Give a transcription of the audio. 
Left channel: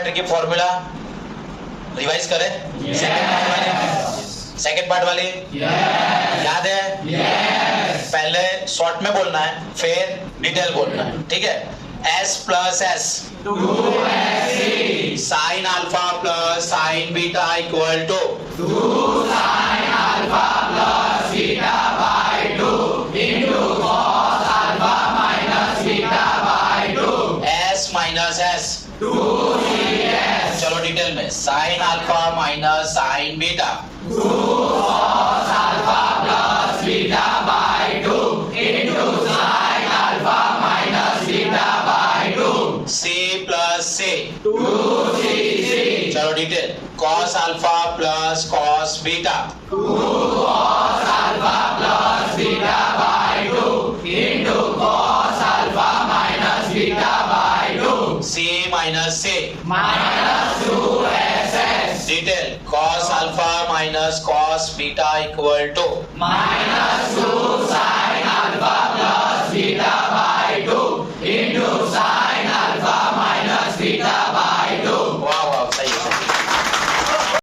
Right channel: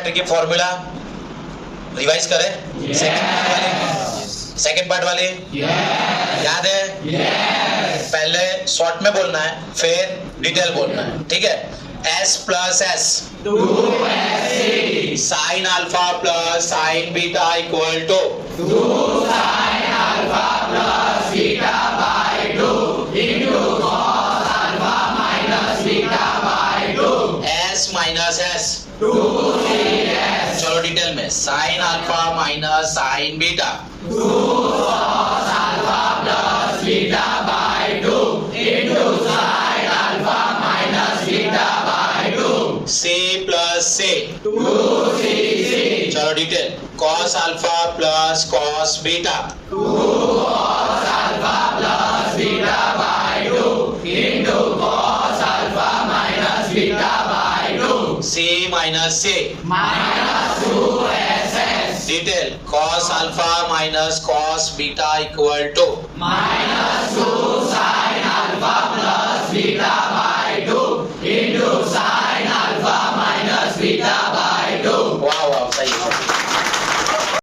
ट्रिग्नोमेट्री की formula revise करें? Second part वाली याद है? पहले शॉर्ट में बोलना है, फिर डिटेल बोलना है, ठीक है? S plus S sine alpha plus sine beta equal to S minus S, चलो डिटेल में, sine alpha minus sine beta C plus C, चलो detail, cos alpha plus cos beta C minus C, detail, cos alpha minus cos beta equal to